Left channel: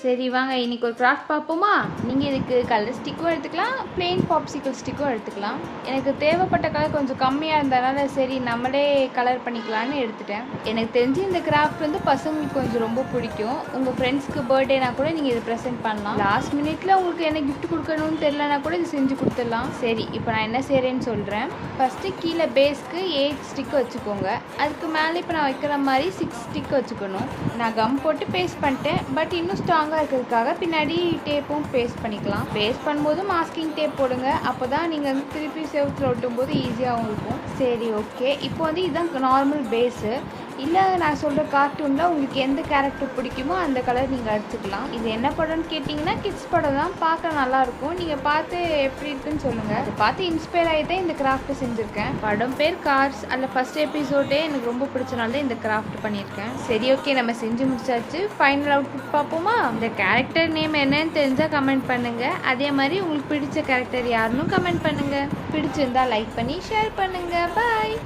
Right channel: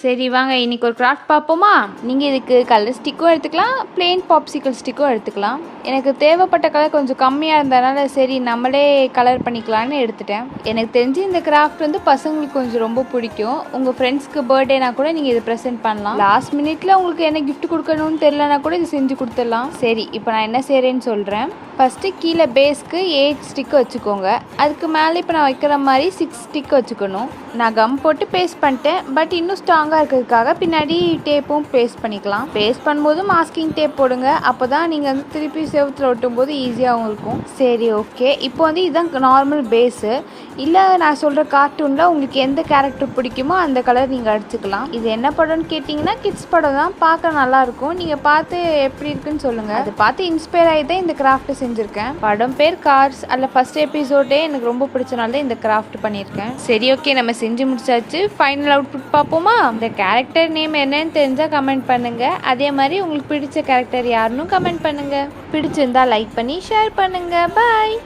சரி வாங்க இன்றைக்கி ஒரு கிராஃப்ட் பார்ப்போமா. நீங்கள் இதுக்கு கலர் ஸ்டிக்கும் எடுத்துக்கலாம், பிளெயின் பாப்சிக்கல் ஸ்டிக்கும் எடுத்துக்கலாம். எனக்கு தேவைப்பட்ட கலர் கொஞ்சம் கம்மியாக இருந்ததுனால சரி நம்மளே கலர் பண்ணிக்கலான்னு எடுத்துட்டேன். எனக்கு தெரிஞ்சு இந்த கிராஃப்ட் வந்து பசங்களுக்கு கொஞ்சம் ரொம்ப பிடிக்கும். உங்கள் ஃப்ரெண்ட்ஸ்க்கு பர்த்டேனா கூட நீங்கள் இதை ப்ரெசென்ட் பண்ணலாம். லாஸ்ட் மினிட்ல உங்களுக்கு என்ன கிஃப்ட் கொடுக்கணும்னு தெரியலனா கூட இது செஞ்சு கொடுத்துடலாம். சரி இப்போ நான் என்ன செய்கிறேன்னு சொல்கிறேன். ஃபஸ்ட்டு கீழே பேஸ்க்கு 8 ஸ்டிக்கு வச்சுக்கோங்க. அதுக்கு மேலே இப்போ நான் வைக்கிற மாதிரி 6 ஸ்டிக் வச்சுக்கணும். நான் கம் போட்டு பேஸ்ட் பண்ணிட்டேன். பட் இன்னும் ஸ்ட்ராங்காக இருக்கிறதுக்காக பின்னாடி டேப்பும் பேஸ்ட் பண்ணிக்கலாம். பேஸ்ட் பண்ணும்போது மாஸ்கிங் டேப் போடுங்க. அப்போ தான் நீங்கள் வந்து திருப்பி செவத்தில் ஒட்டும் போது ஈஸியாகவும் இருக்கும். சரி ஓகே, இப்போ வந்து இதுதான் நார்மல் பேஸு. இல்லை நான் சொல்கிற கார்ட்டூனில் உங்களுக்கு எந்த கேரக்டர் பிடிக்குமோ அந்த கலர் நீங்கள் அடிச்சுக்கலாம். இது என்ன படம்னு கேட்டிங்கன்னா கிட்ஸ் படம் தான். பார்க்க நல்லாயிருக்கும். நீங்கள் பார்த்து எப்படி இருக்குன்னு சொல்லுங்கள். அதை பார்த்து இன்ஸ்பயர் ஆகி தான் இந்த கிராஃப்ட் செஞ்சுருக்கேன். படம் பேர் கார்ஸ். அதில் ஃபஸ்ட் எபிசோடே எனக்கு ரொம்ப பிடிச்சனால தான் இந்த கிராஃப்ட் பண்ணியிருக்கேன். சரி ஓகே, நம்ம செஞ்சு முடிச்சாச்சு. ஃபைனல் அவுட்புட் பார்ப்போமா. இந்த கேரக்டர் நேம் என்னன்னு தெரிஞ்சால் கமெண்ட் பண்ணுங்கள். அதே மாதிரி உங்களுக்கு பிடிச்ச கேரக்டர் யாருன்னு கமெண்ட் பண்ணுங்கள். பிடிச்சிருந்தா லைக் பண்ணி ஷேர் பண்ணுங்கள். பாய்.